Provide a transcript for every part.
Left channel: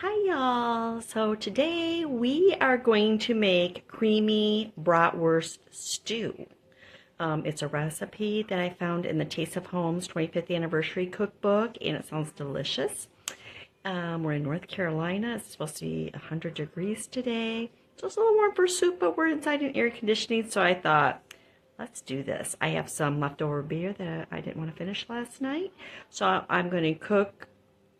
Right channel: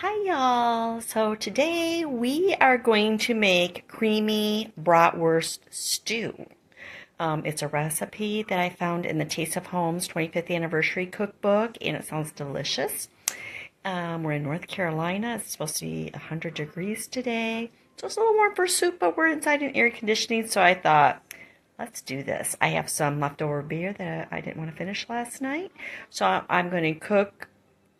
Hi y'all! So today we are going to make creamy bratwurst stew. It's a recipe that I found in the Taste of Home's 25th anniversary cookbook, and it sounds delicious. We're in North Carolina. It's supposed to be 100 degrees today. So it's a little warm for soup, but we're inside in air conditioning, so I thought, let's do this. I have some leftover beer that I didn't want to finish last night, so I'm going to cook.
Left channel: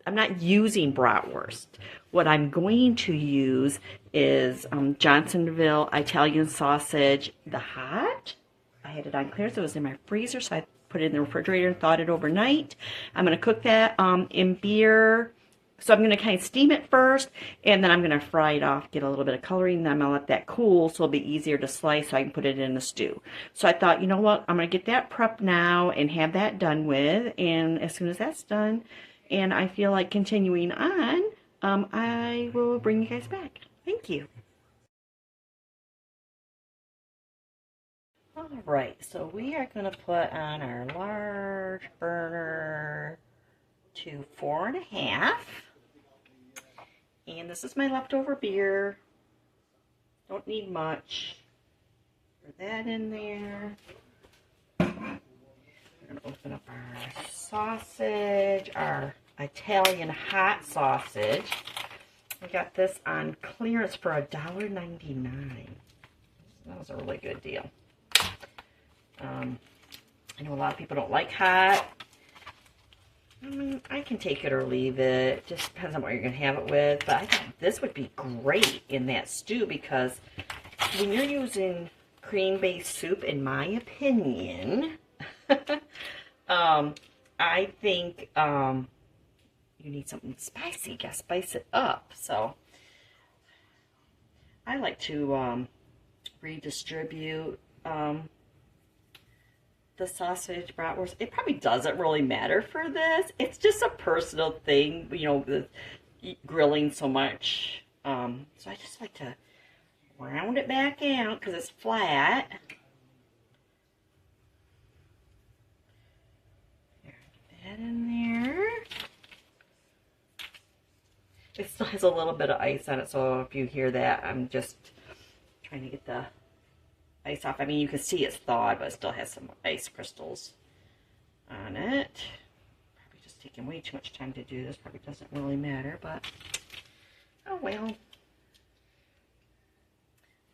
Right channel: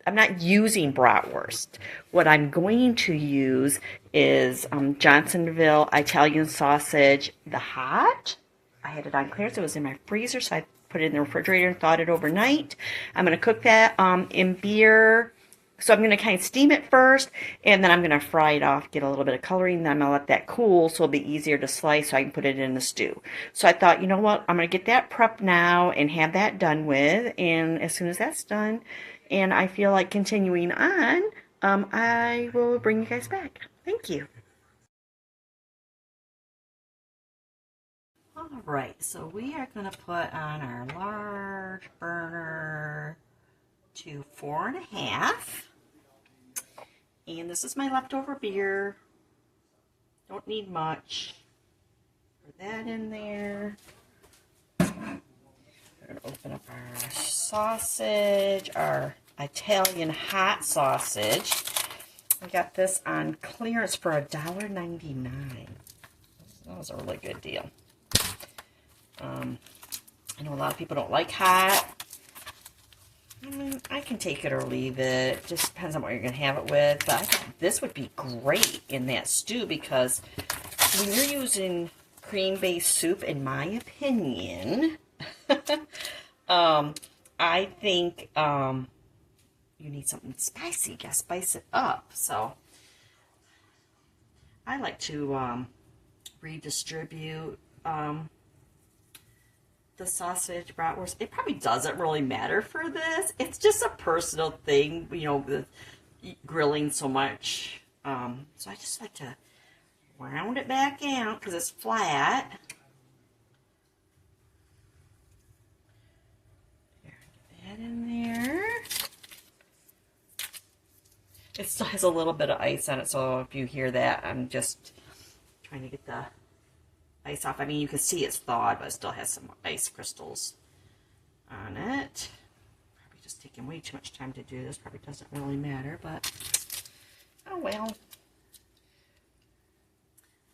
I'm not using bratwurst. What I'm going to use is Johnsonville Italian sausage, the hot. I had it on clearance. It was in my freezer, so I put it in the refrigerator and thawed it overnight. I'm going to cook that in beer. So I'm going to kind of steam it first, and then I'm going to fry it off, get a little bit of coloring, then I'm going to let that cool so it'll be easier to slice so I can put it in the stew. So I thought, you know what, I'm going to get that prepped now and have that done with, and as soon as that's done, and I feel like continuing on, I will bring you guys back. Thank you. All right, so we are going to put on our large burner to 4.5. And this is my leftover beer. Don't need much. Put that in there. We're going to open up our sausage, our Italian hot sausage. I got this on clearance for $1.99. That was a really good deal. I know a lot of people don't like hot. I mean, I can take it or leave it. Just depends on what you're going to have it with. But I think this would be great in that stew because when you're using cream-based soup, in my opinion, I think you need something spicy. You got to spice it up. So I like to redistribute the sausage bratwurst. It probably doesn't really matter for this. It's just a personal thing, you know, with grilling so much. So I just like to round it back out because it's flat. Get that in there. It still has a little bit of ice on it, so if you hear that, I'm just trying to get the ice off. I mean, you can see it's thawed, but it still has some ice crystals on it. Probably just taking way too much time to do this. Probably doesn't really matter, but oh well.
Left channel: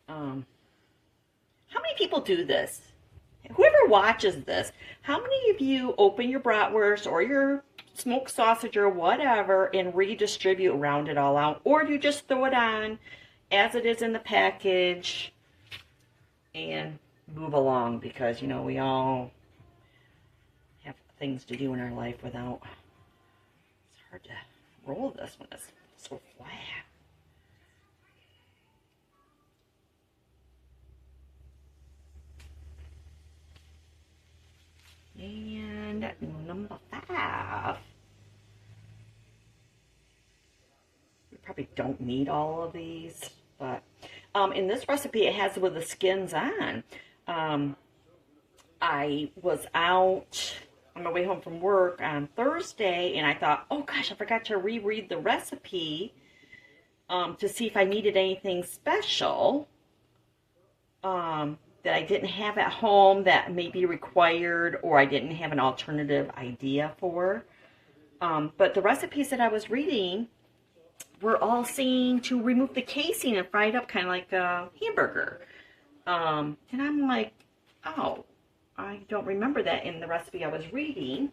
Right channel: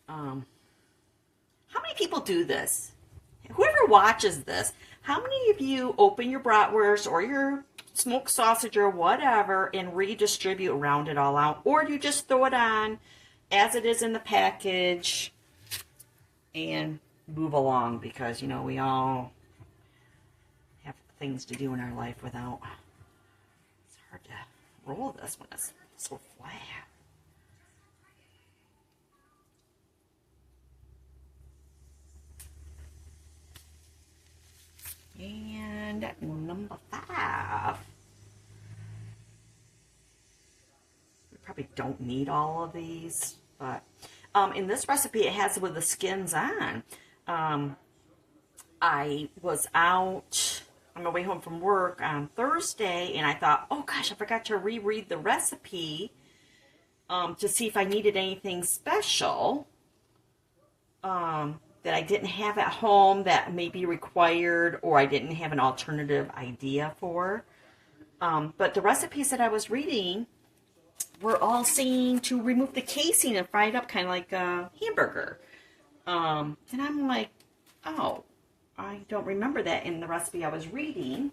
How many people do this? Whoever watches this, how many of you open your bratwurst or your smoked sausage or whatever and redistribute, round it all out, or do you just throw it on as it is in the package and move along? Because, you know, we all have things to do in our life without, it's hard to roll this when it's so flat. And number 5. We probably don't need all of these, but in this recipe, it has it with the skins on. I was out on my way home from work on Thursday, and I thought, oh gosh, I forgot to reread the recipe to see if I needed anything special that I didn't have at home that may be required, or I didn't have an alternative idea for. But the recipes that I was reading were all saying to remove the casing and fry it up kind of like a hamburger. And I'm like, oh, I don't remember that in the recipe I was reading,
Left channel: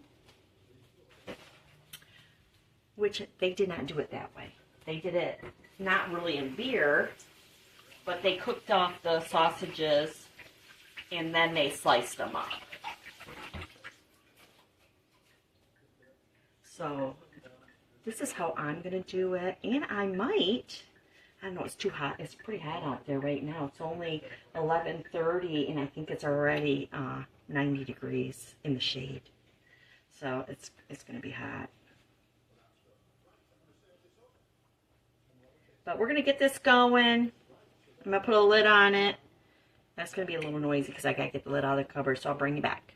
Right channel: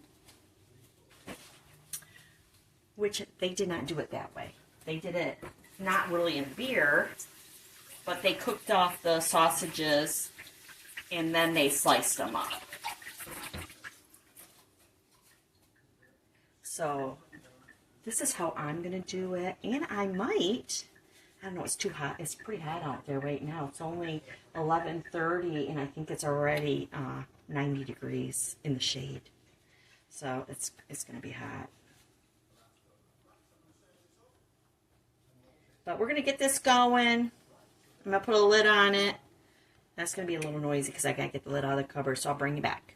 which they did not do it that way. They did it not really in beer, but they cooked off the sausages and then they sliced them up. So this is how I'm going to do it. And I might, I don't know, it's too hot. It's pretty hot out there right now. It's only 11:30 and I think it's already 90 degrees in the shade. So it's going to be hot. But we're going to get this going. I'm going to put a lid on it. That's going to be a little noisy because I got to get the lid out of the cupboard, so I'll bring you back.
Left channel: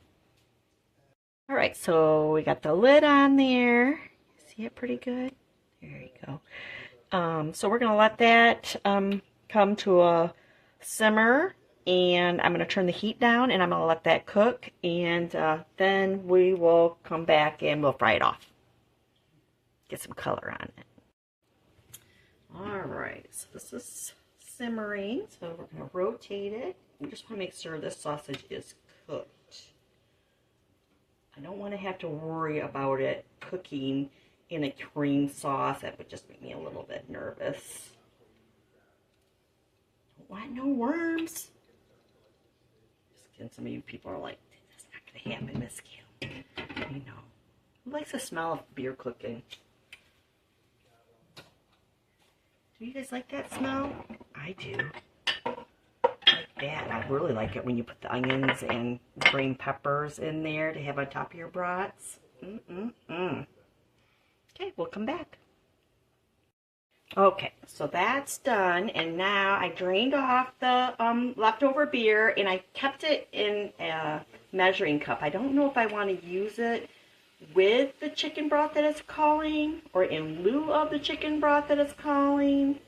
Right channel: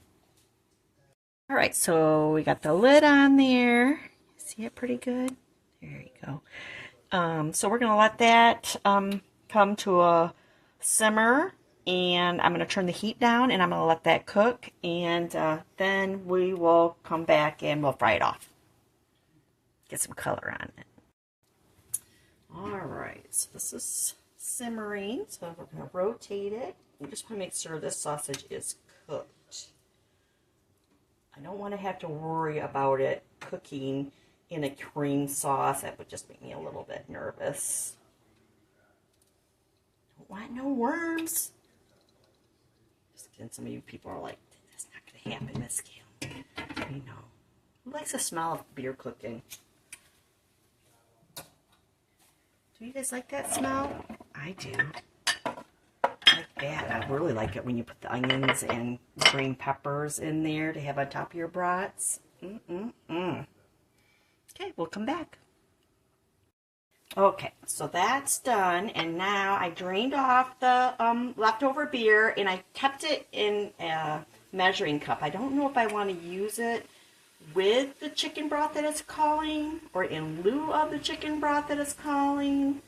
All right, so we got the lid on there. See it pretty good? There you go. So we're going to let that come to a simmer, and I'm going to turn the heat down, and I'm going to let that cook, and then we will come back and we'll fry it off. Get some color on it. All right, so this is simmering, so we're going to rotate it. We just want to make sure this sausage is cooked. I don't want to have to worry about it cooking in a cream sauce. That would just make me a little bit nervous. Don't want no worms. Just kidding. Some of you people are like, that's not going to happen this scale. You know. Who likes the smell of beer cooking? Do you guys like that smell? I do. Like that. I really like it when you put the onions and green peppers in there to have on top of your brats. Okay, we'll come back. Okay, so that's done, and now I drained off the leftover beer, and I kept it in a measuring cup. I don't know if I want to use it with the chicken broth that it's calling, or in lieu of the chicken broth that it's calling.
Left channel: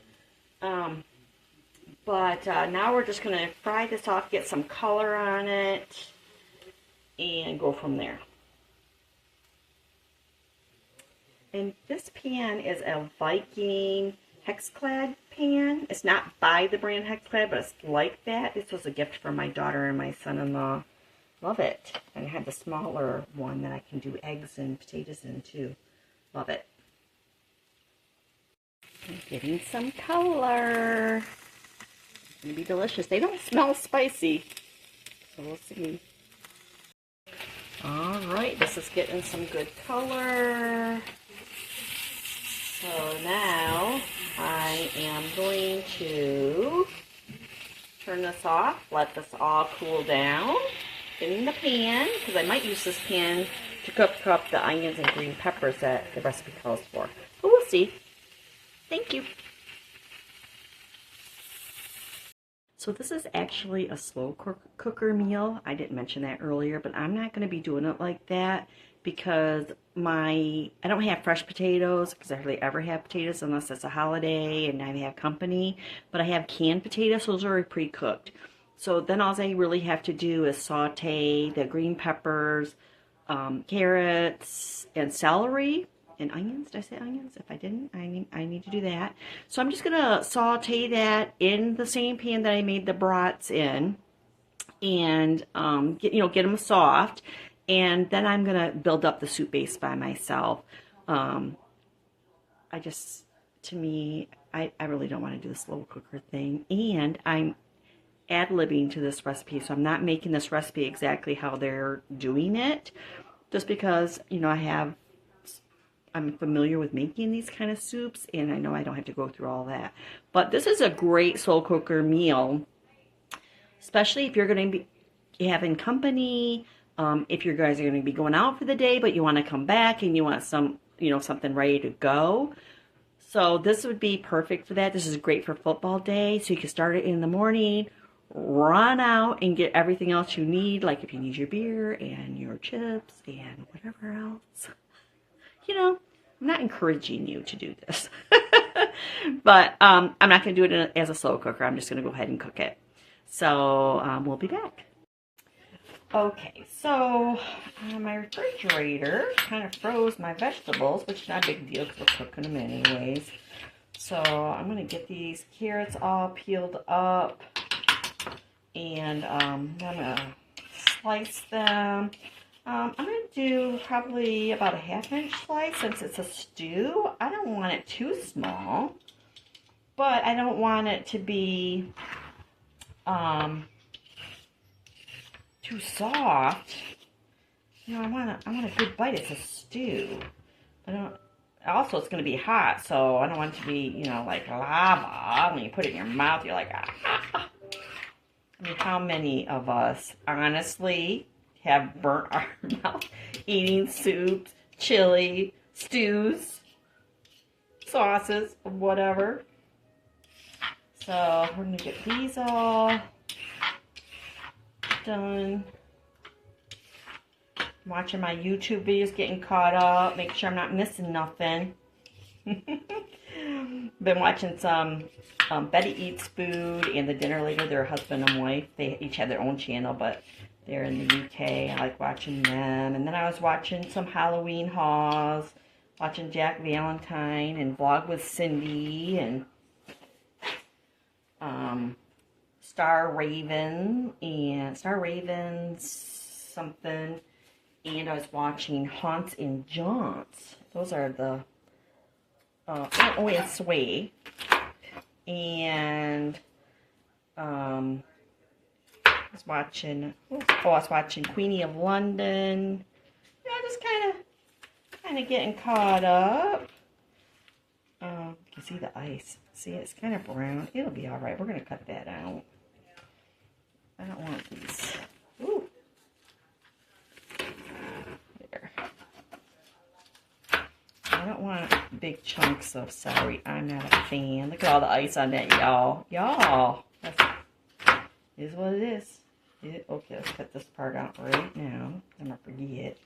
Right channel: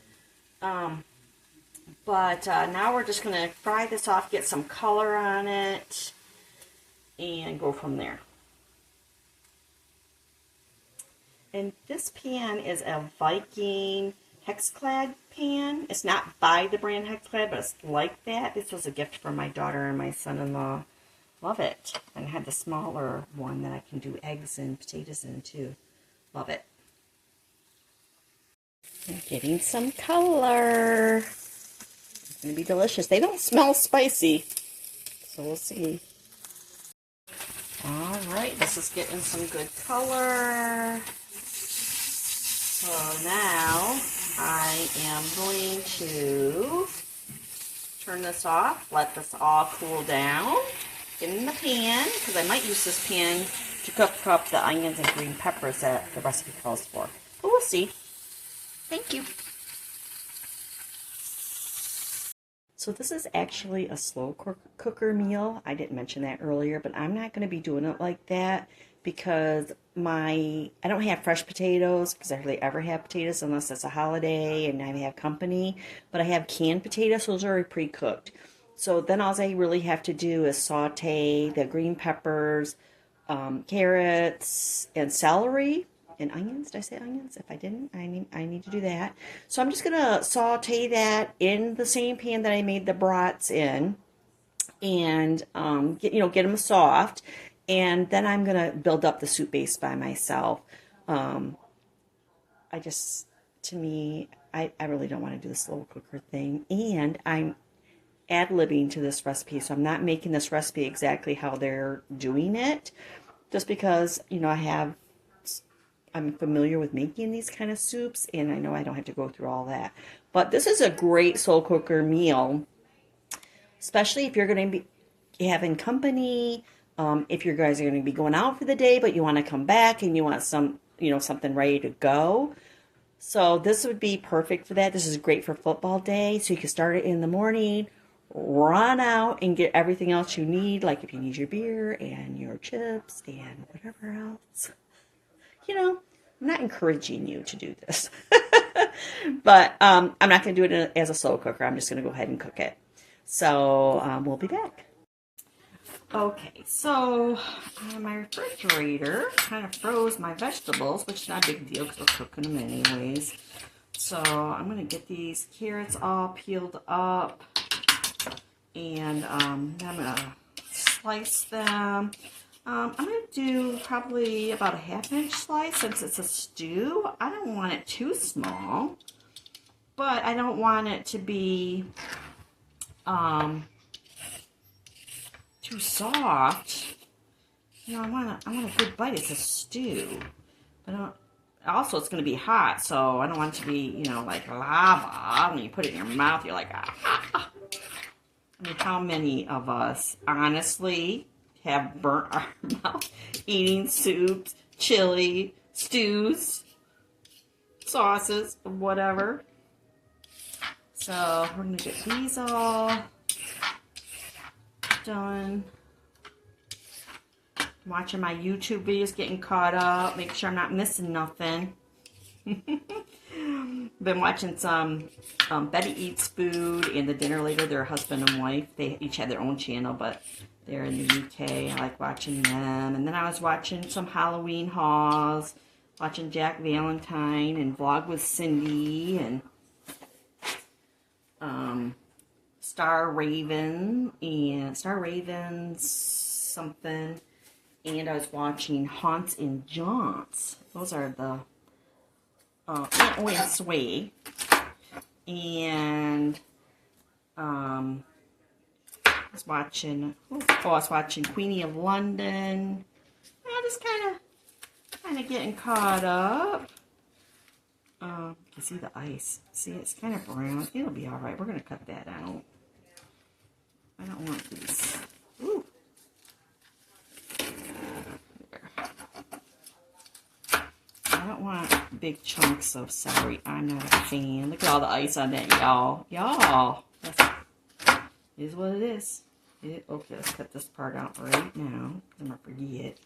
But now we're just going to fry this off, get some color on it, and go from there. And this pan is a Viking Hexclad pan. It's not by the brand Hexclad, but it's like that. This was a gift from my daughter and my son-in-law. Love it. And I had the smaller one that I can do eggs and potatoes in too. Love it. I'm getting some color. It's going to be delicious. They don't smell spicy, so we'll see. All right, this is getting some good color. So now I am going to turn this off, let this all cool down in the pan, because I might use this pan to cook up the onions and green peppers that the recipe calls for. But we'll see. Thank you. So this is actually a slow cooker meal. I didn't mention that earlier, but I'm not going to be doing it like that because I don't have fresh potatoes, because I hardly ever have potatoes unless it's a holiday and I have company. But I have canned potatoes, so those are already pre-cooked. So then all I really have to do is saute the green peppers, carrots, and celery. And onions. Did I say onions? If I didn't, I need to do that. So I'm just going to saute that in the same pan that I made the brats in, and get them soft. And then I'm going to build up the soup base by myself. I really don't want to do the slow cooker thing. And I'm ad-libbing to this recipe, so I'm not making this recipe exactly how they're doing it, just because, I'm familiar with making these kind of soups, and I know I don't have to go through all that. But this is a great slow cooker meal, especially if you're going to be having company, if you guys are going to be going out for the day, but you want to come back and you want something ready to go. So this would be perfect for that. This is great for football day, so you can start it in the morning, run out and get everything else you need, like if you need your beer and your chips and whatever else. I'm not encouraging you to do this, but I'm not going to do it as a slow cooker. I'm just going to go ahead and cook it. So we'll be back. Okay, so my refrigerator kind of froze my vegetables, which is not a big deal because we're cooking them anyways. So I'm going to get these carrots all peeled up, and I'm going to slice them. I'm going to do probably about a 1/2-inch slice since it's a stew. I don't want it too small, but I don't want it to be too soft. I want a good bite. It's a stew. Also, it's going to be hot, so I don't want it to be, like lava. When you put it in your mouth, you're like, ah. I mean, how many of us, honestly, have burnt our mouth eating soups, chili, stews, sauces, whatever. So we're going to get these all done. Watching my YouTube videos, getting caught up, make sure I'm not missing nothing. Been watching some Betty Eats Food and The Dinner Later. They're husband and wife. They each have their own channel, but they're in the UK. I like watching them. And then I was watching some Halloween hauls, watching Jack Valentine and Vlog with Cindy and Star Ravens something. And I was watching Haunts and Jaunts. Those are the and Sway. And I was watching Queenie of London. Yeah, just kind of getting caught up. You can see the ice. See, it's kind of brown. It'll be all right. We're gonna cut that out. I don't want these. Ooh. There. I don't want big chunks of celery. I'm not a fan. Look at all the ice on that, y'all. Y'all. It is what it is. Okay, let's cut this part out right now. I'm going to forget.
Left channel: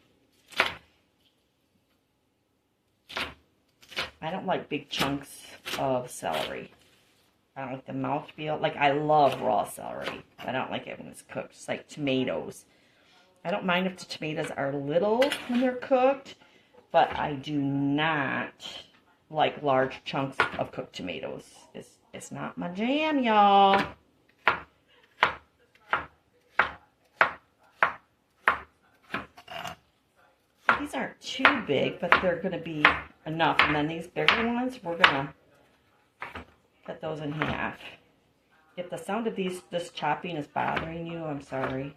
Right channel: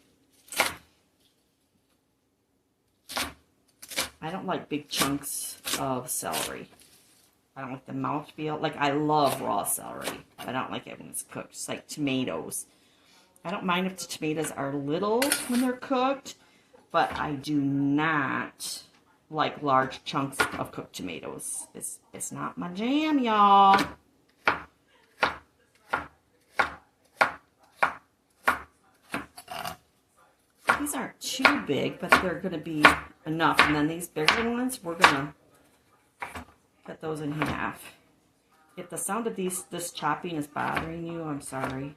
I don't like big chunks of celery. I don't like the mouthfeel. Like, I love raw celery. I don't like it when it's cooked. It's like tomatoes. I don't mind if the tomatoes are little when they're cooked, but I do not like large chunks of cooked tomatoes. It's not my jam, y'all. These aren't too big, but they're going to be enough. And then these bigger ones, we're going to cut those in half. If the sound of this chopping is bothering you, I'm sorry.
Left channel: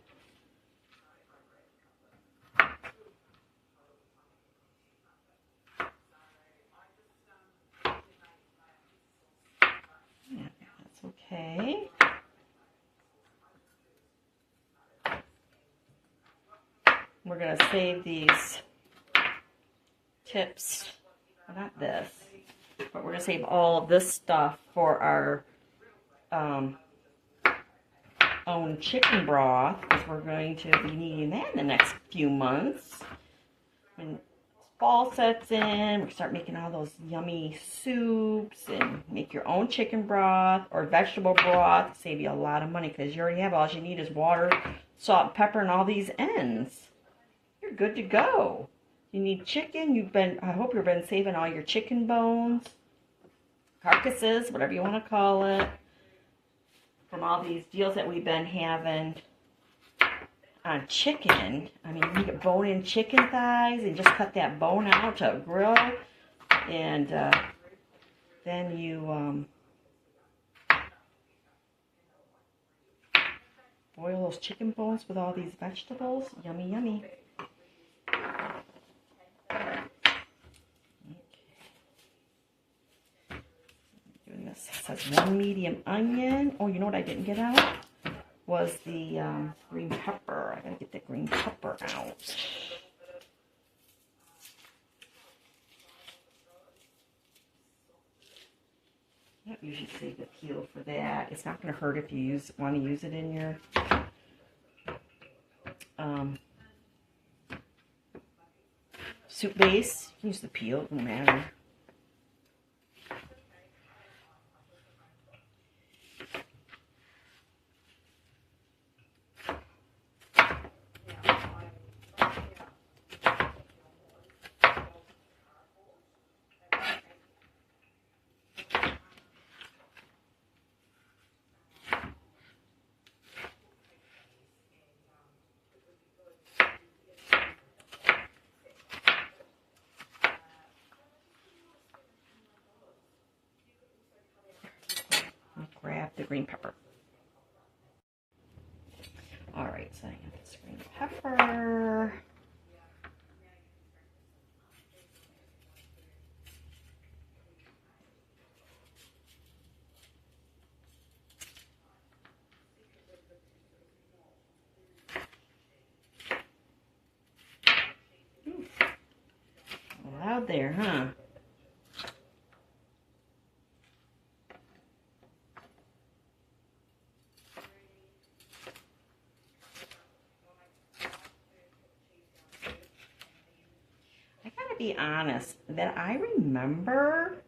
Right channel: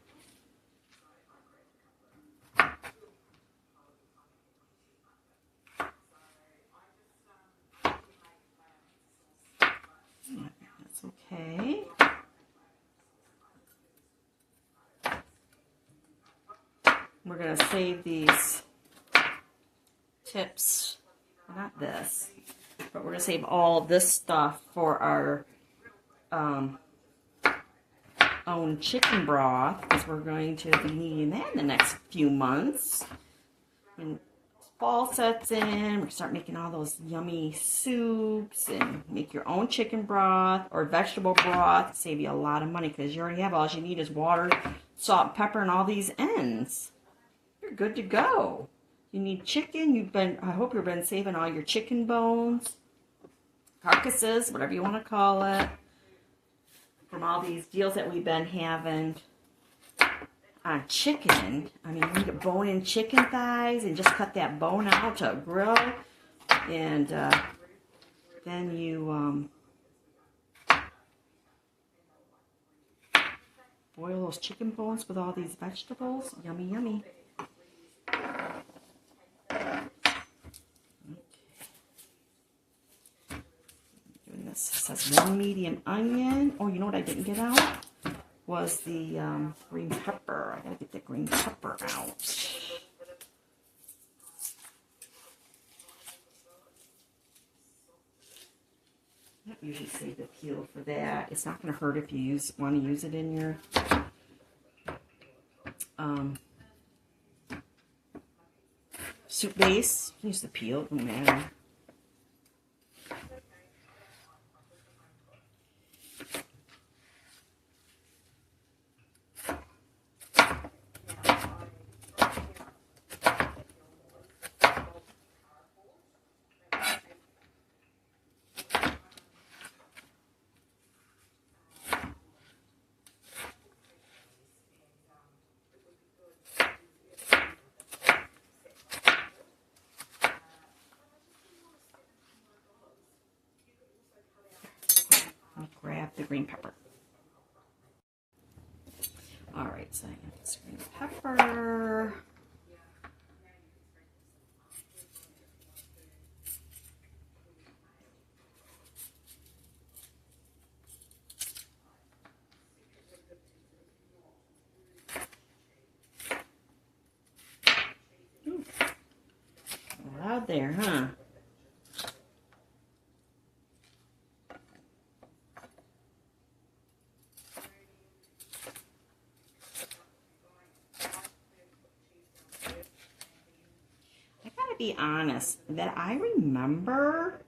Yeah, that's okay. We're going to save these tips. Well, not this, but we're going to save all of this stuff for our own chicken broth, because we're going to be needing that in the next few months. And fall sets in, we start making all those yummy soups and make your own chicken broth or vegetable broth. Save you a lot of money because you already have all you need is water, salt, and pepper, and all these ends. You're good to go. You need chicken. I hope you've been saving all your chicken bones, carcasses, whatever you want to call it, from all these deals that we've been having on chicken. I mean, you get bone-in chicken thighs and just cut that bone out to grill, and then you boil those chicken bones with all these vegetables. Yummy, yummy. This says 1 medium onion. Oh, you know what I didn't get out? Was the green pepper. I gotta get the green pepper out. I don't usually save the peel for that. It's not gonna hurt if you want to use it in your soup base. Use the peel, it doesn't matter. Grab the green pepper. All right, so I got this green pepper. Ooh. Loud there, huh? Be honest, that I remember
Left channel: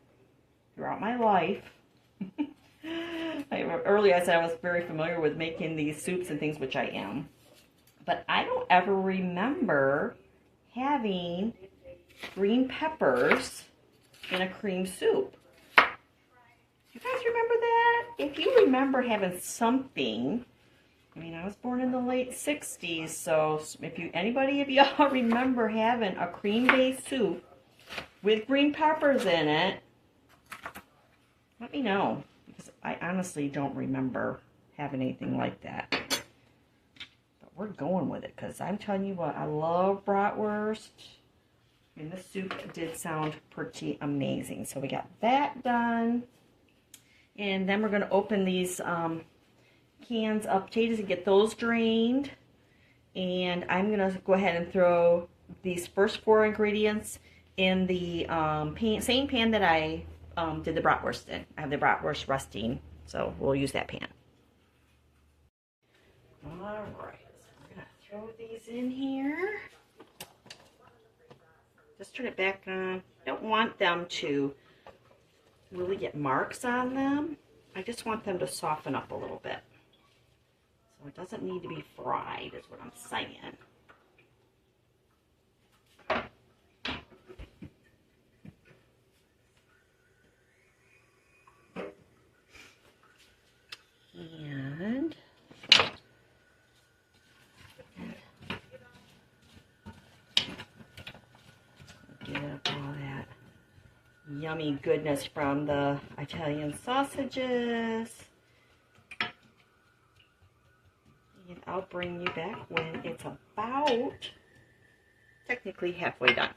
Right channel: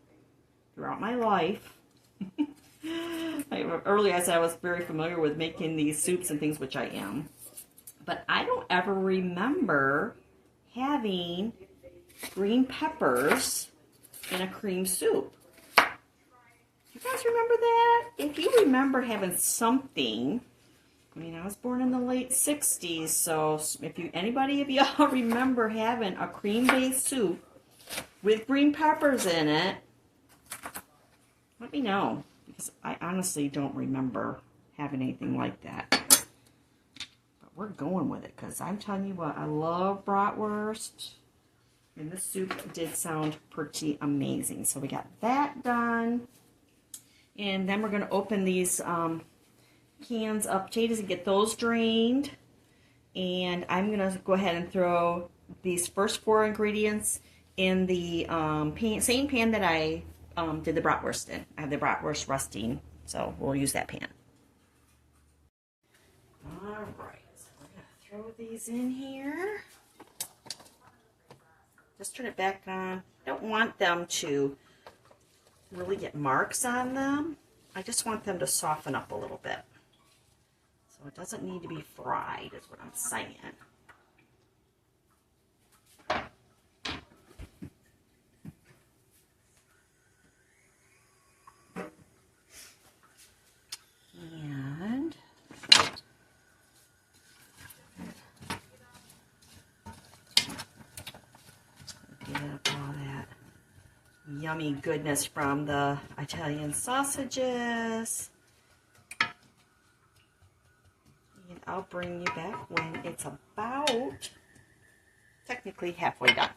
throughout my life. Earlier I said I was very familiar with making these soups and things, which I am. But I don't ever remember having green peppers in a cream soup. You guys remember that? If you remember having something, I mean, I was born in the late 60s, so if anybody of y'all remember having a cream-based soup with green peppers in it, let me know, because I honestly don't remember having anything like that. But we're going with it, because I'm telling you what, I love bratwurst, and the soup did sound pretty amazing. So we got that done, and then we're going to open these cans of potatoes and get those drained. And I'm going to go ahead and throw these first 4 ingredients in the same pan that I did the bratwurst in. I have the bratwurst resting, so we'll use that pan. Alright, so we're going to throw these in here. Just turn it back on. I don't want them to really get marks on them. I just want them to soften up a little bit. So it doesn't need to be fried, is what I'm saying. And get up all that yummy goodness from the Italian sausages. And I'll bring you back when it's about technically halfway done.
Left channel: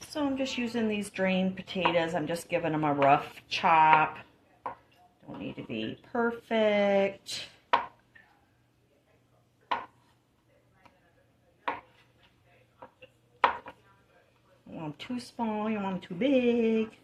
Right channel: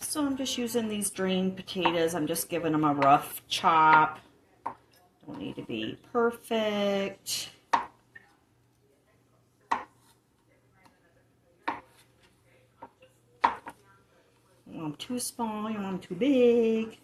So I'm just using these drained potatoes. I'm just giving them a rough chop. Don't need to be perfect. You want them too small, you want them too big.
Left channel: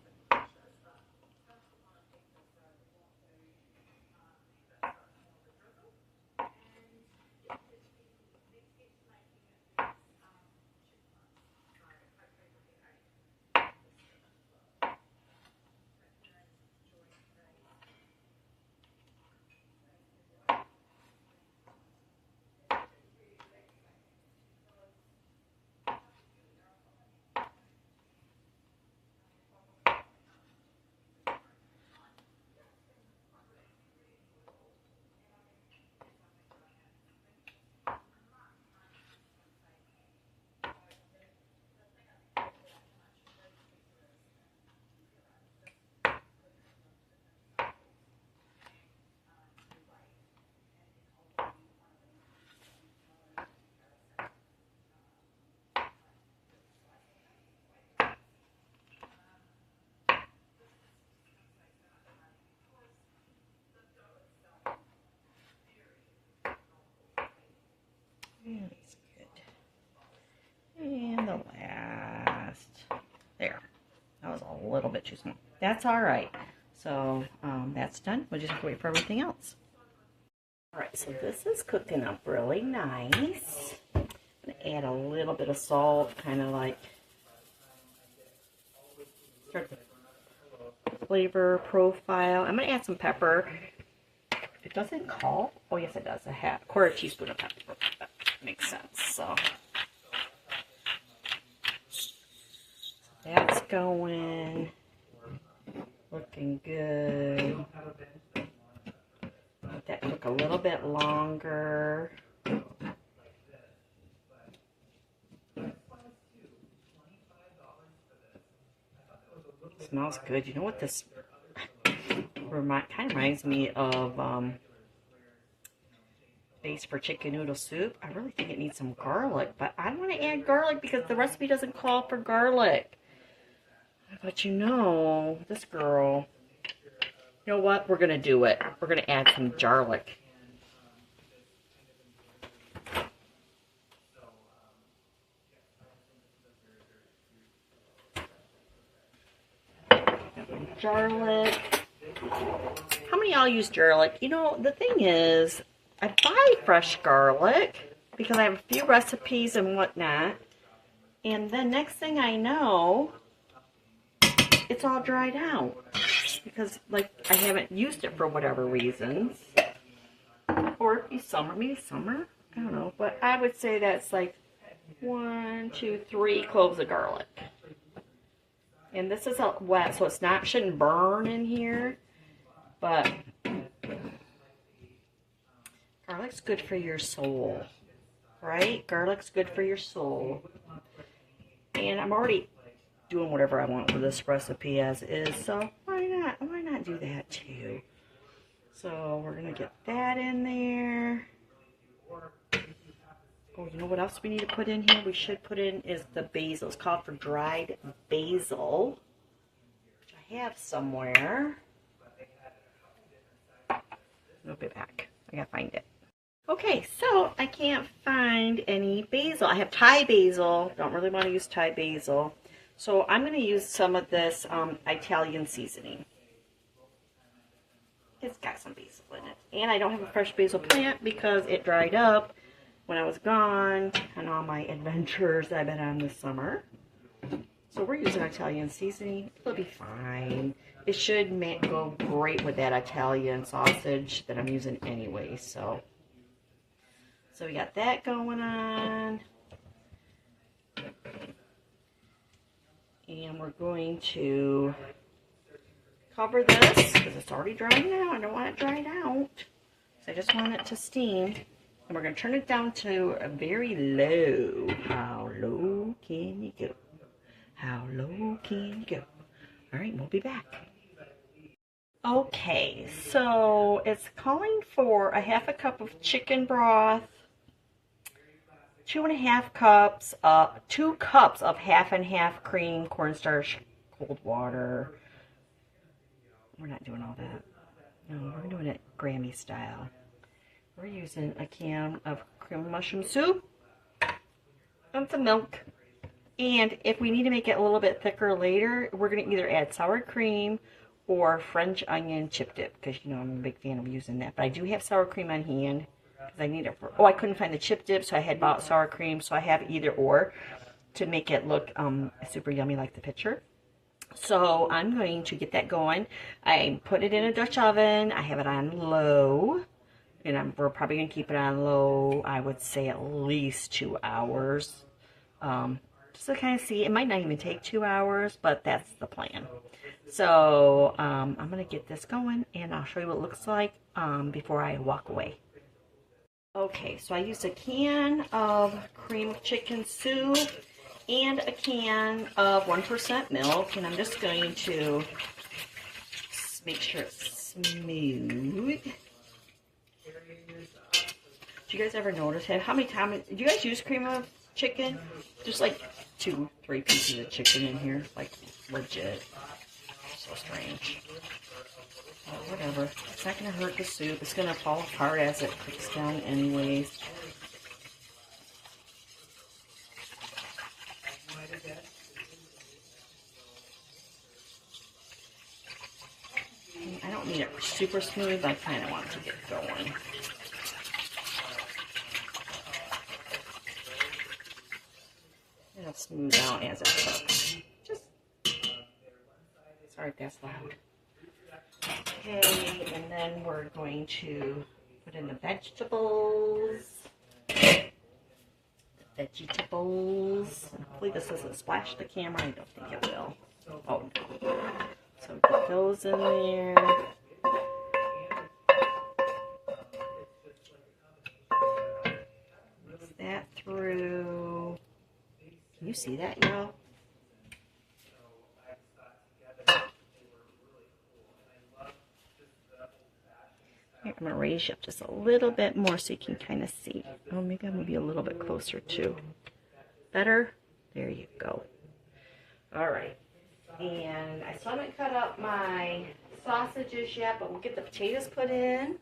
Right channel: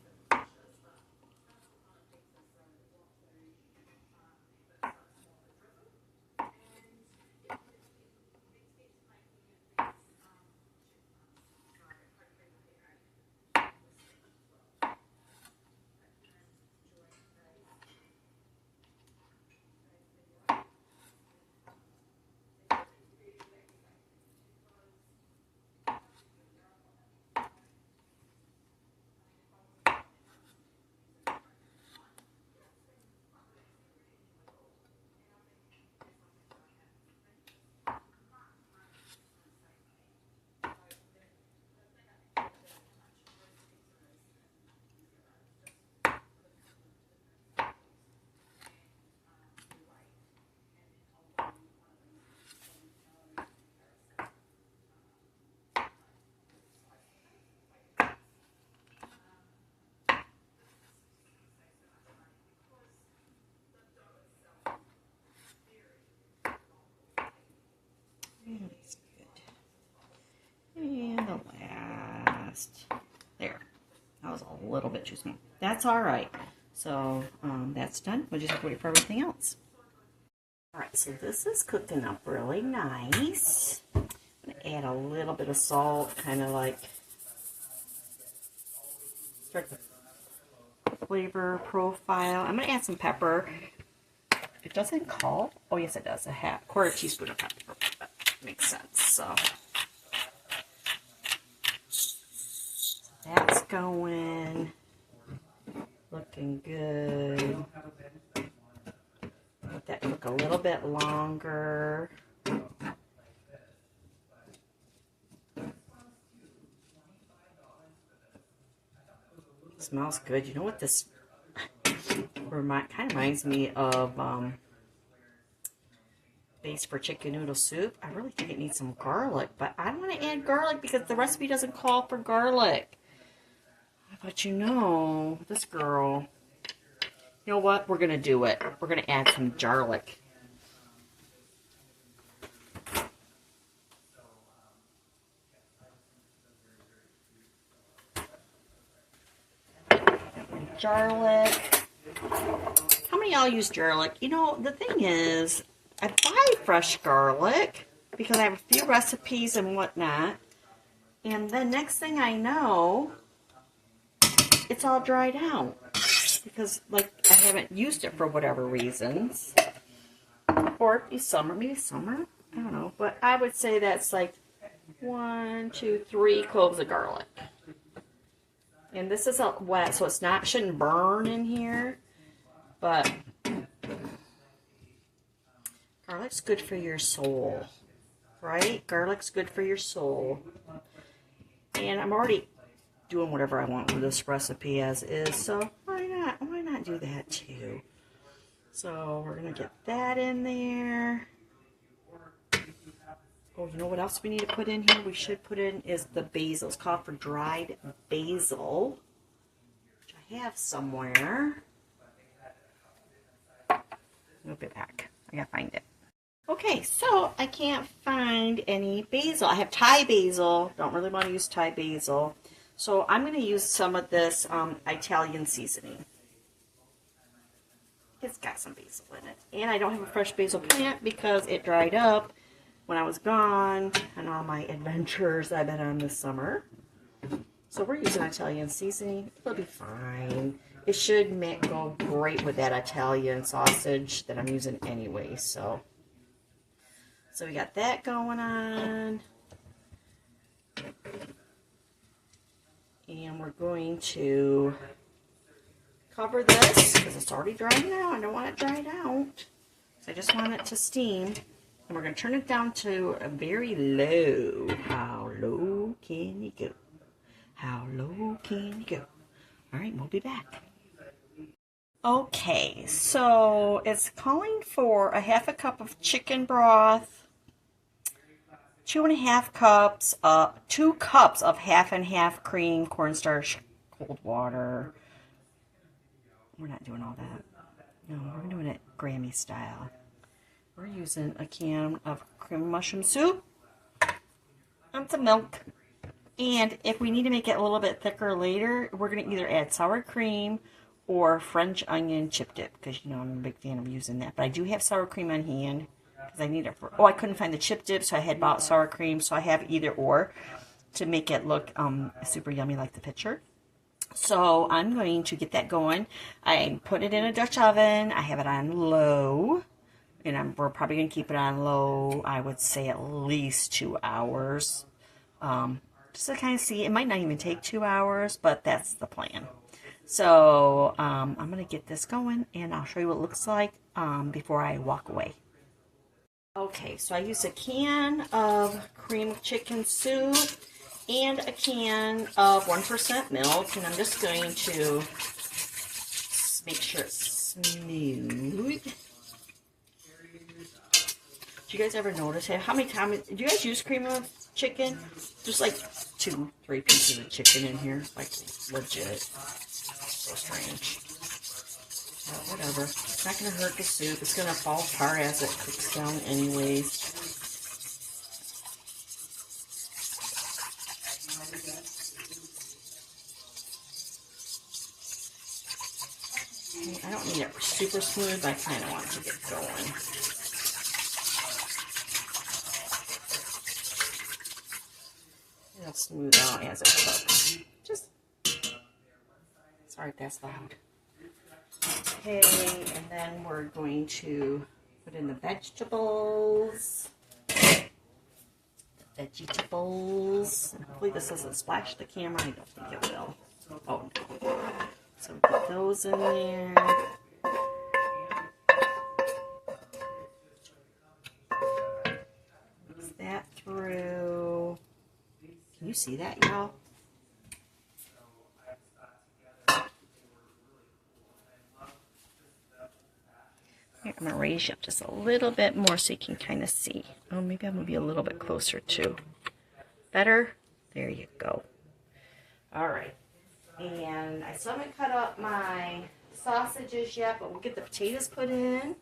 That's good. And the last. There. That was a little bit too small. That's all right. So that's done. We'll just have to wait for everything else. All right, so this is cooking up really nice. I'm going to add a little bit of salt, kind of like start the flavor profile. I'm going to add some pepper. It doesn't call. Oh, yes, it does. A quarter teaspoon of pepper. That makes sense. So that's going. Looking good. Let that cook a little bit longer. Smells good. You know what this kind of reminds me of? Base for chicken noodle soup. I really think it needs some garlic, but I don't want to add garlic because the recipe doesn't call for garlic. But you know, this girl, you know what? We're going to do it. We're going to add some garlic. Garlic. How many of y'all use garlic? You know, the thing is, I buy fresh garlic because I have a few recipes and whatnot. And then next thing I know, it's all dried out because, like, I haven't used it for whatever reasons. Or it'd be summer, maybe summer. I don't know, but I would say that's like 1, 2, 3 cloves of garlic. And this is wet, so it's not, shouldn't burn in here. But garlic's good for your soul, right? Garlic's good for your soul. And I'm already doing whatever I want with this recipe as is, so why not? Why not do that too? So we're gonna get that in there. Oh, you know what else we need to put in here? We should put in is the basil. It's called for dried basil, which I have somewhere. I'll be back. I gotta find it. Okay, so I can't find any basil. I have Thai basil. Don't really want to use Thai basil. So I'm going to use some of this Italian seasoning. It's got some basil in it. And I don't have a fresh basil plant because it dried up when I was gone and all my adventures I've been on this summer. So we're using Italian seasoning. It'll be fine. It should go great with that Italian sausage that I'm using anyway. So we got that going on. And we're going to cover this because it's already dried out. I don't want it dried out. So I just want it to steam. And we're going to turn it down to a very low. How low can you go? How low can you go? All right, we'll be back. Okay, so it's calling for a 1/2 cup of chicken broth, 2.5 cups, 2 cups of 50/50 cream, cornstarch, cold water. We're not doing all that. No, we're doing it Grammy style. We're using a can of cream mushroom soup and some milk. And if we need to make it a little bit thicker later, we're going to either add sour cream or French onion chip dip, because you know I'm a big fan of using that. But I do have sour cream on hand because I need it for. Oh, I couldn't find the chip dip, so I had bought sour cream. So I have either or to make it look super yummy like the picture. So I'm going to get that going. I put it in a Dutch oven. I have it on low, and we're probably going to keep it on low. I would say at least 2 hours. Just to kind of see. It might not even take 2 hours, but that's the plan. So I'm going to get this going, and I'll show you what it looks like before I walk away. Okay, so I used a can of cream of chicken soup and a can of 1% milk, and I'm just going to make sure it's smooth. Do you guys ever notice how many times, do you guys use cream of chicken? Just like 2, 3 pieces of chicken in here, like legit. So strange. But whatever. It's not going to hurt the soup. It's going to fall apart as it cooks down anyways. I don't need it super smooth. I kind of want to get going. It'll smooth out as it cooks. Sorry if that's loud. Okay, and then we're going to put in the vegetables. Hopefully this doesn't splash the camera. I don't think it will. Oh no. So put those in there. Mix that through. Can you see that, y'all? Here, I'm going to raise you up just a little bit more so you can kind of see. Oh, maybe I'm going to be a little bit closer too. Better? There you go. All right. And I still haven't cut up my sausages yet, but we'll get the potatoes put in.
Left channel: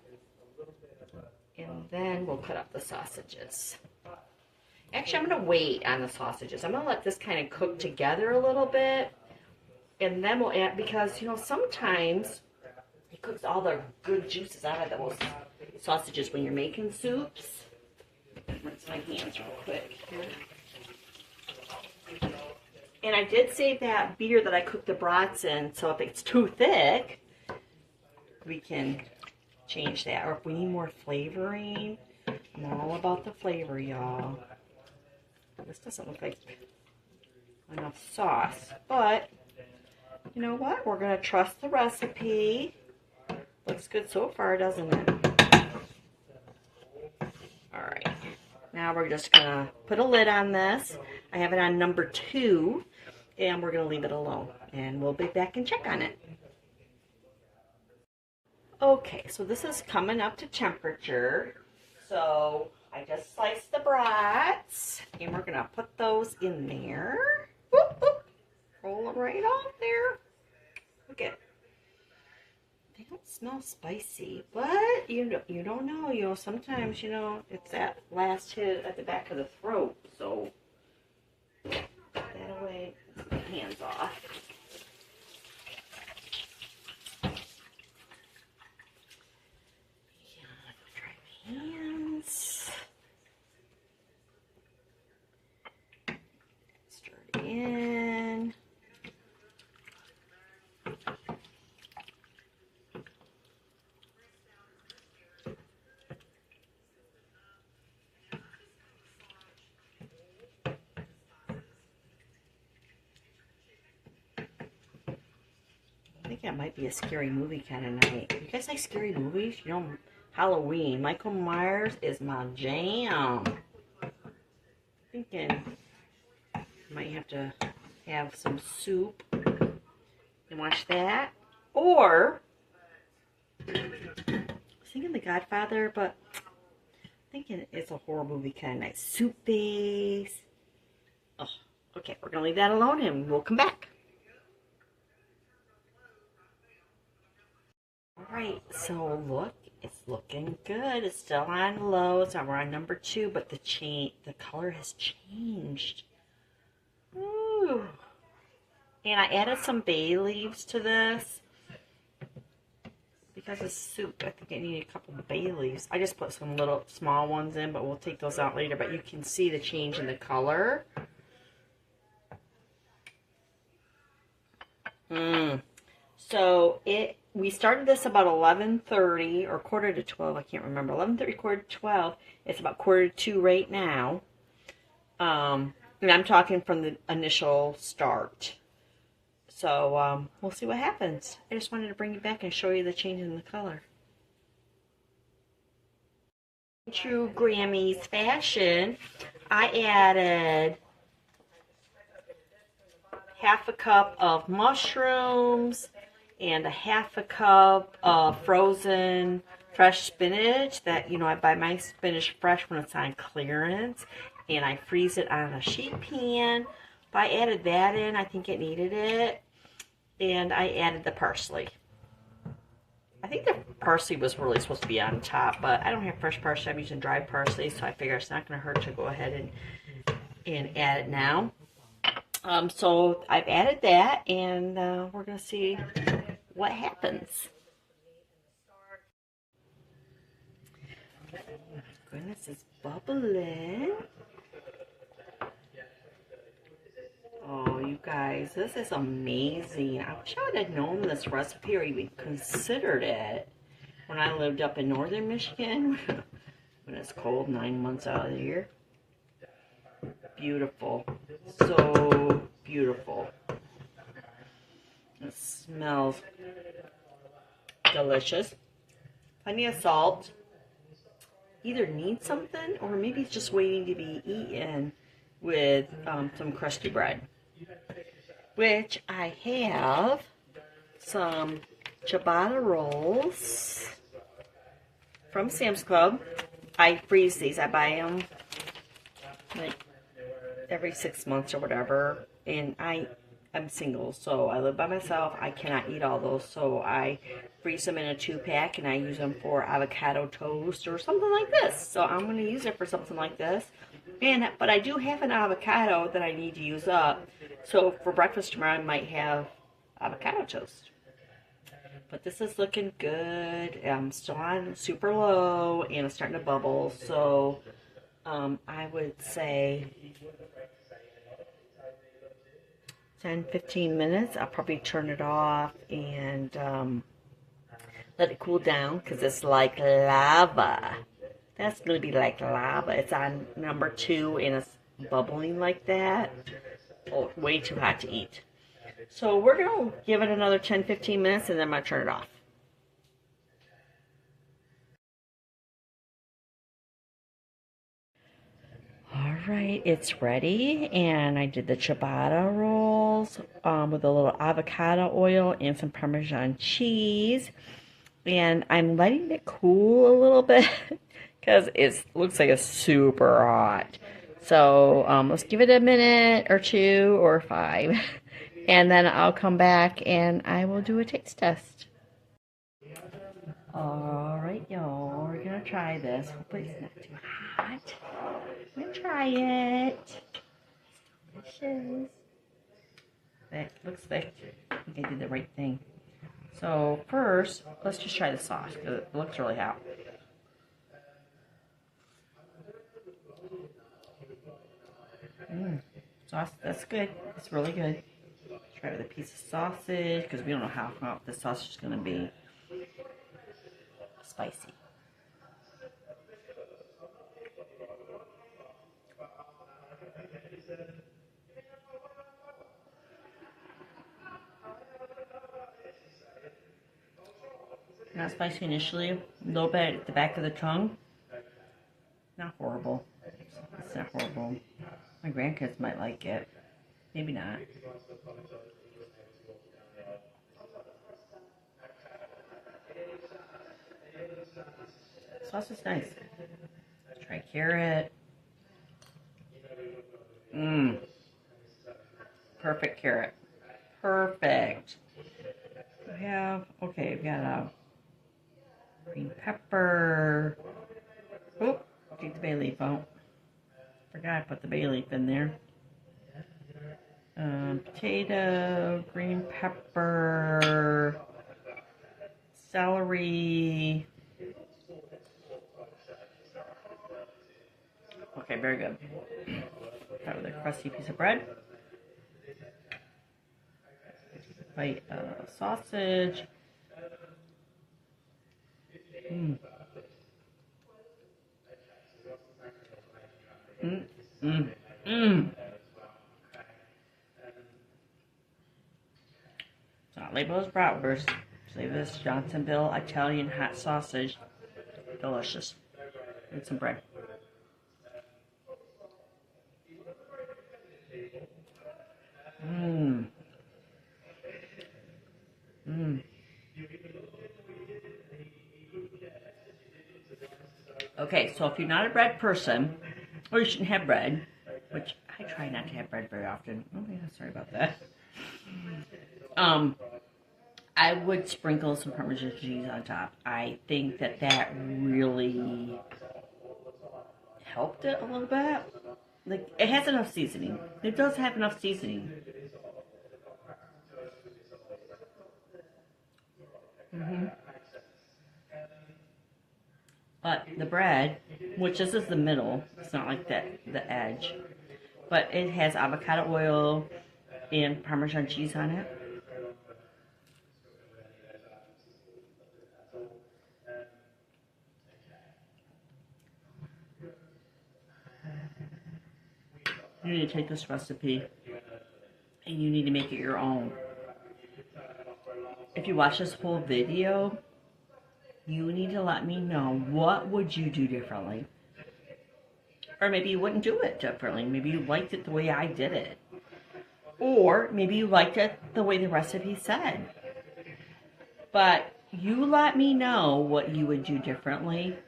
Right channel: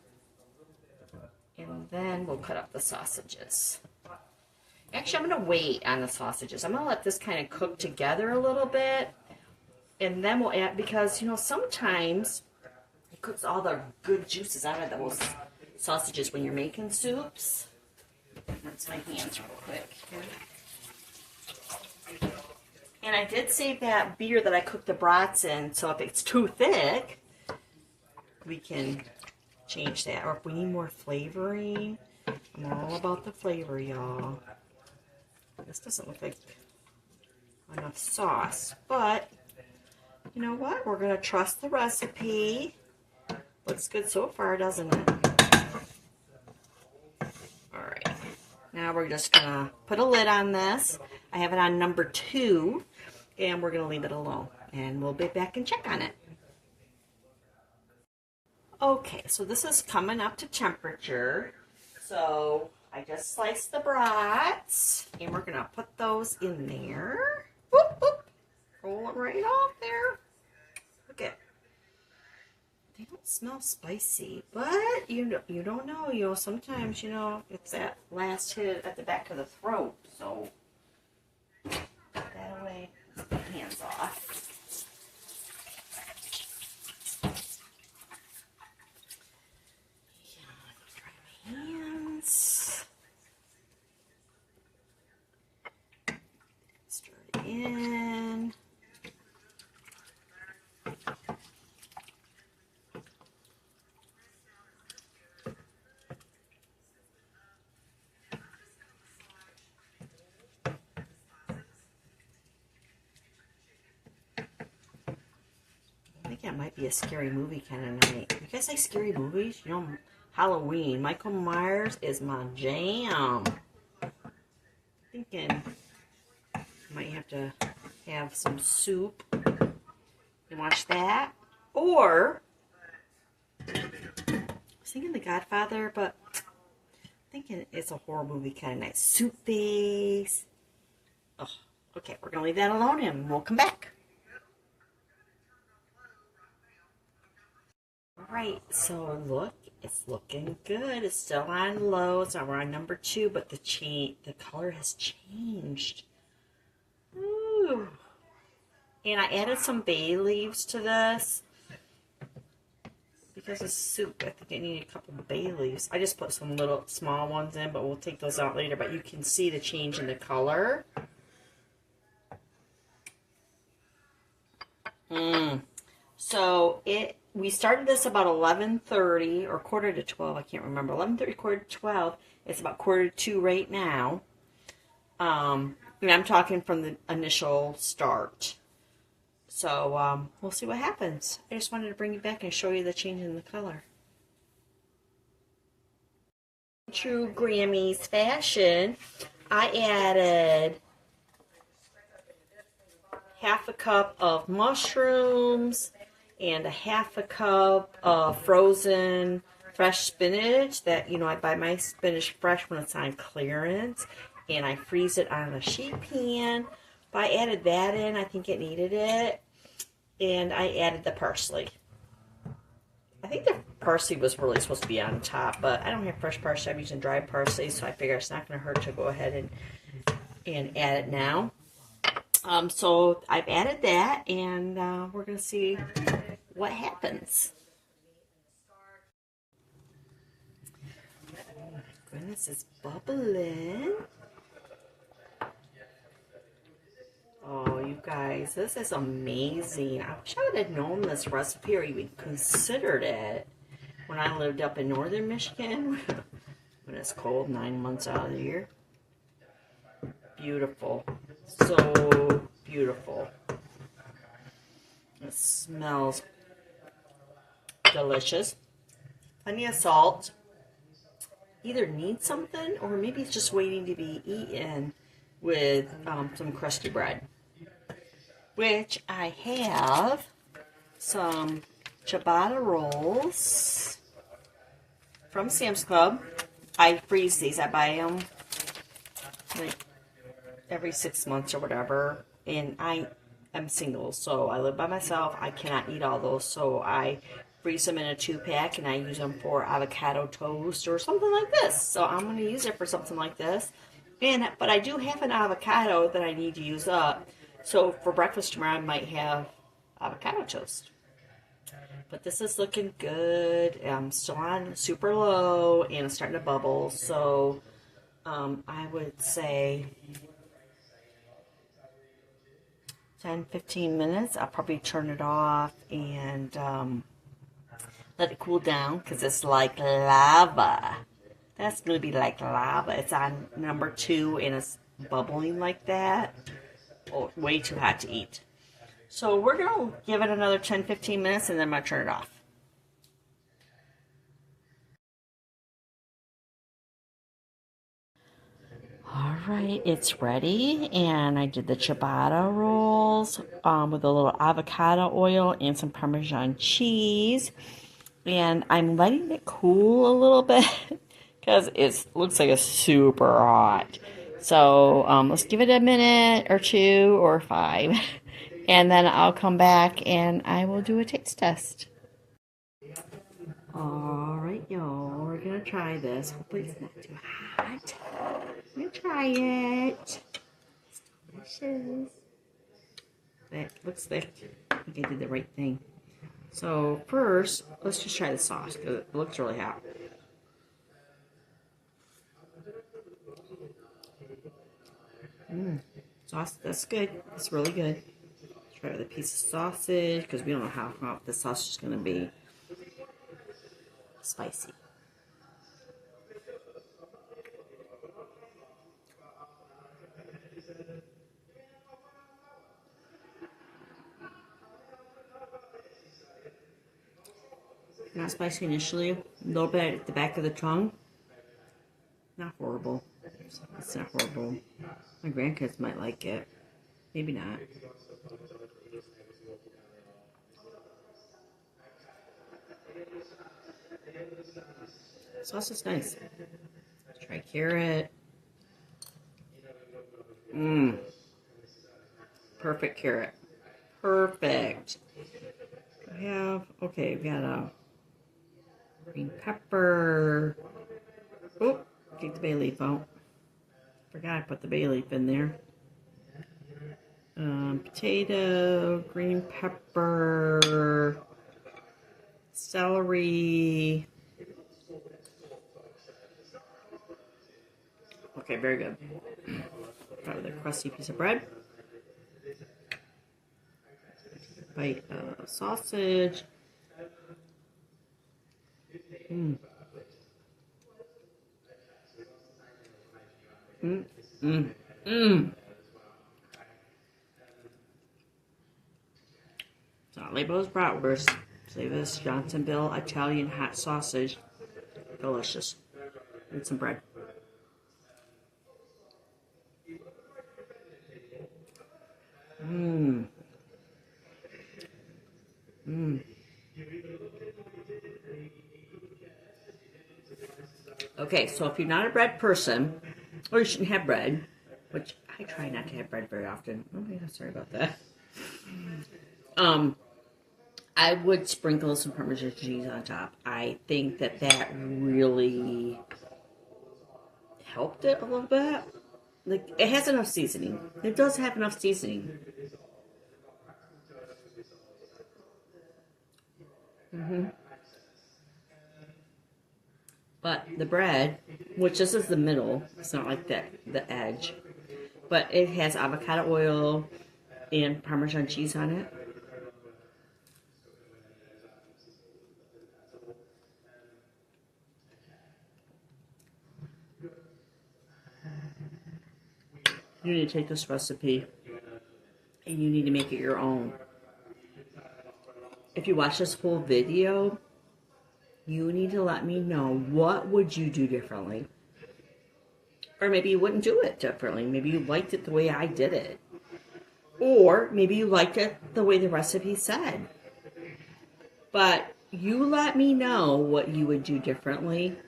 And then we'll cut up the sausages. Actually, I'm going to wait on the sausages. I'm going to let this kind of cook together a little bit. And then we'll add, because, you know, sometimes it cooks all the good juices out of those sausages when you're making soups. Rinse my hands real quick here. And I did save that beer that I cooked the brats in, so if it's too thick, we can change that. Or if we need more flavoring, I'm all about the flavor, y'all. This doesn't look like enough sauce, but you know what? We're going to trust the recipe. Looks good so far, doesn't it? All right. Now we're just going to put a lid on this. I have it on number 2, and we're going to leave it alone. And we'll be back and check on it. Okay, so this is coming up to temperature. So I just sliced the brats, and we're going to put those in there. Whoop, whoop. Roll them right off there. Look at, they don't smell spicy, but you don't know. You know, sometimes, you know, it's that last hit at the back of the throat. So put that away. Put the hands off. Yeah, dry my hands. Stir it in. I think that might be a scary movie kind of night. You guys like scary movies? You know, Halloween. Michael Myers is my jam. Thinking I might have to have some soup and watch that. Or, I was thinking The Godfather, but thinking it's a horror movie kind of night. Soup base. Oh, okay, we're going to leave that alone and we'll come back. Alright, so look, it's looking good. It's still on low, so we're on number 2, but the color has changed. Ooh. And I added some bay leaves to this because it's soup. I think I need a couple of bay leaves. I just put some little small ones in, but we'll take those out later. But you can see the change in the color. So we started this about 11:30 or quarter to 12. I can't remember. 11:30, quarter to 12. It's about quarter to 2 right now. And I'm talking from the initial start. So we'll see what happens. I just wanted to bring you back and show you the change in the color. True Grammys fashion, I added half a cup of mushrooms and a half a cup of frozen fresh spinach that, you know, I buy my spinach fresh when it's on clearance, and I freeze it on a sheet pan. But I added that in. I think it needed it. And I added the parsley. I think the parsley was really supposed to be on top, but I don't have fresh parsley. I'm using dried parsley, so I figure it's not going to hurt to go ahead and add it now. So I've added that, and we're going to see what happens. Oh my goodness, it's bubbling. Oh, you guys, this is amazing. I wish I would have known this recipe or even considered it when I lived up in northern Michigan when it's cold 9 months out of the year. Beautiful. So beautiful. It smells delicious. Plenty of salt. Either needs something or maybe it's just waiting to be eaten with some crusty bread. Which I have some ciabatta rolls from Sam's Club. I freeze these. I buy them like every 6 months or whatever. And I'm single, so I live by myself. I cannot eat all those, so I freeze them in a 2-pack, and I use them for avocado toast or something like this. So I'm going to use it for something like this. But I do have an avocado that I need to use up. So for breakfast tomorrow, I might have avocado toast. But this is looking good. I'm still on super low, and it's starting to bubble. So I would say 10-15 minutes. I'll probably turn it off and let it cool down because it's like lava. That's going to be like lava. It's on number 2 and it's bubbling like that. Oh, way too hot to eat. So we're going to give it another 10-15 minutes and then I'm going to turn it off. All right, it's ready, and I did the ciabatta rolls with a little avocado oil and some Parmesan cheese, and I'm letting it cool a little bit because it looks like it's super hot. So let's give it a minute or 2 or 5, and then I'll come back and I will do a taste test. All right, y'all, we're gonna try this. Hopefully it's not too hot. I'm gonna try it. It's delicious. Thick, looks thick. I think I did the right thing. So first, let's just try the sauce because it looks really hot. Sauce, that's good. It's really good. Try with a piece of sausage because we don't know how hot the sausage is gonna be. Spicy. Not spicy initially, a little bit at the back of the tongue. Not horrible. It's not horrible. My grandkids might like it. Maybe not. Sauce is nice. Try carrot. Perfect carrot. Perfect. We have, okay, we got a green pepper. Oop, take the bay leaf out. Forgot I put the bay leaf in there. Potato, green pepper, celery. Okay, very good. Start with a crusty piece of bread. Bite of sausage. It's not labeled as Bratwurst. Say this Johnsonville Italian hot sausage. Delicious. And some bread. Okay, so if you're not a bread person, or you shouldn't have bread, which I try not to have bread very often. Oh yeah, sorry about that. I would sprinkle some Parmesan cheese on top. I think that that really helped it a little bit. Like, it has enough seasoning. It does have enough seasoning. But the bread, which this is the middle, it's not like the edge, but it has avocado oil and Parmesan cheese on it. You need to take this recipe and you need to make it your own. If you watch this whole video, you need to let me know what would you do differently. Or maybe you wouldn't do it differently. Maybe you liked it the way I did it. Or maybe you liked it the way the recipe said. But you let me know what you would do differently.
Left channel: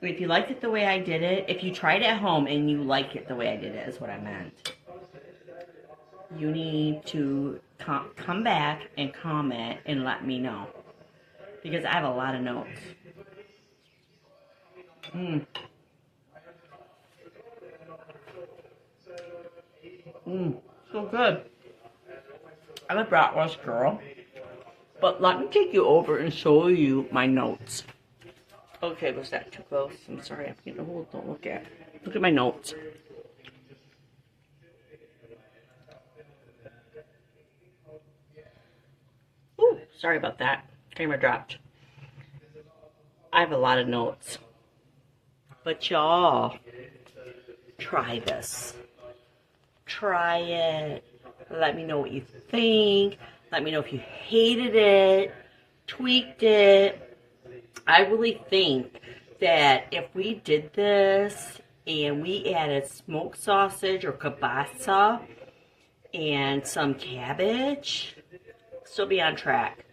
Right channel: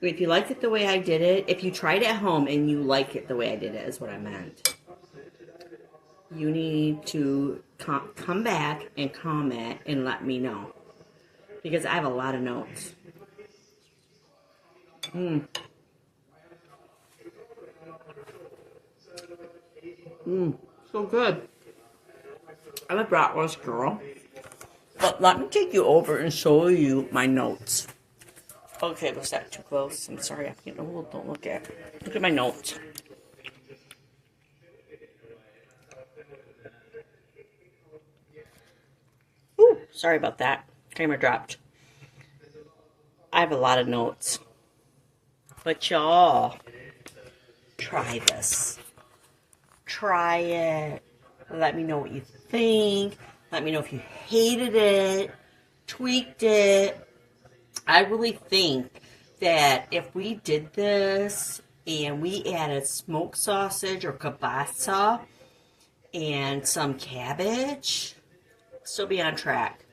If you liked it the way I did it, if you tried it at home and you like it the way I did it, is what I meant. You need to come back and comment and let me know. Because I have a lot of notes. So good. I'm a Bratwurst girl. But let me take you over and show you my notes. Okay, was that too close? I'm sorry, I'm getting old. Don't look at. Look at my notes. Sorry about that. Camera dropped. I have a lot of notes. But y'all, try this. Try it. Let me know what you think. Let me know if you hated it, tweaked it. I really think that if we did this and we added smoked sausage or kielbasa and some cabbage, still be on track.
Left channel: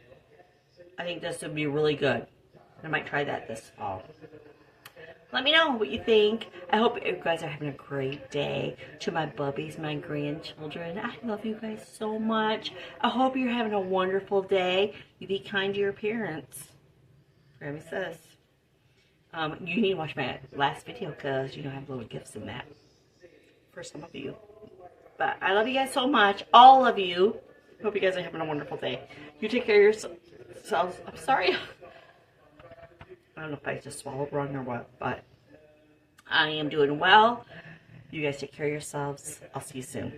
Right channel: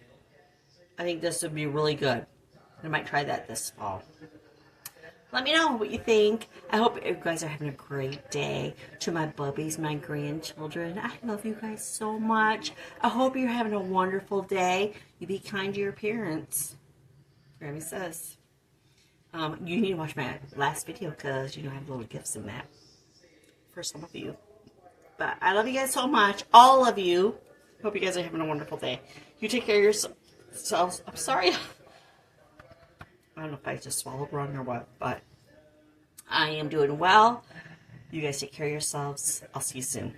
I think this would be really good. I might try that this fall. Let me know what you think. I hope you guys are having a great day. To my bubbies, my grandchildren, I love you guys so much. I hope you're having a wonderful day. You be kind to your parents. Grammy says. You need to watch my last video because, you know, I have little gifts in that for some of you. But I love you guys so much. All of you. Hope you guys are having a wonderful day. You take care of yourselves. I'm sorry. I don't know if I just swallowed wrong or what, but I am doing well. You guys take care of yourselves. I'll see you soon.